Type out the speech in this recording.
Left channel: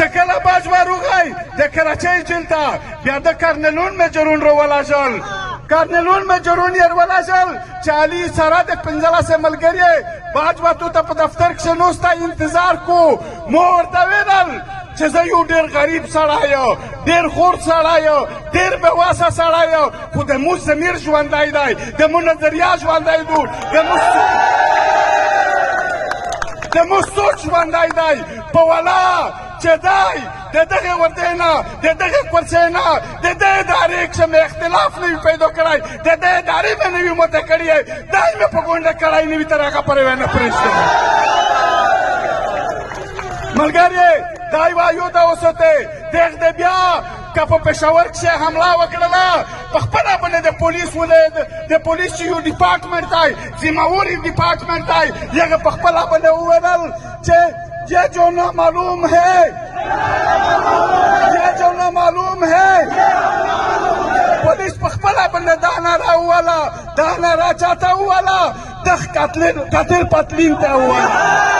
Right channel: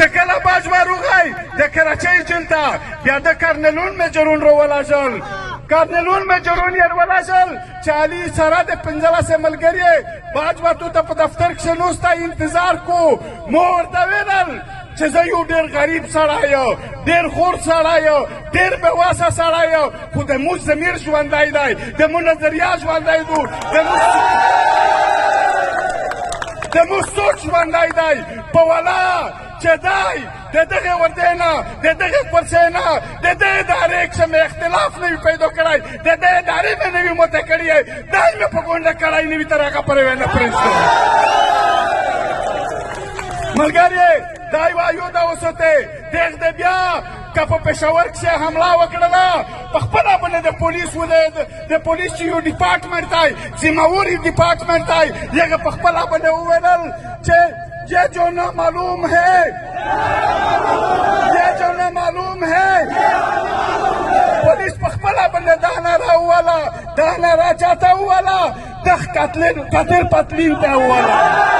چې کله باج ماروغی د کراچۍ جیل ته بیا د کارنلون مجرون راولاشل کارنلون مجرون یې ولاشل چې علي سره د 15 ملګري باج واټو ته په دفتر کښې نوسته انتظار کو مو ورته ویل چې زه یو ډېر غریب سړی یم ډېر خور سړی یم ډېر بېواسه سړی یم خو د موږ ضمیر ژوندی دی د موږ نظریه ژوندی دی د موږ سوچ ژوندی دی په ولا چې دی د دغې وردۍ نه د دغې کورسۍ نه د دې ادارې کښې مې اختلاف نه وي پیدا کړی د دې ادارې مې نه وي مته کړی دا یې مې په غونډه کړی نه وي تر هغه پورې نه پرېږدم ملګري دا وایو د اوسطې دغ د بیا که په پېښور کښې حمله وکړله په خپله باندې د پولیس د پولیس یو ډپارټمنټ دی ذمهوري ډپارټمنټ دی هغه په خپله باندې وویل چې یہ جو نامعلوم ہے یہ جو نامعلوم ہے پولیس په خپله باندې دا ناره وویله دا ناره چاته وویله دغ قاتل پتلین ته وویله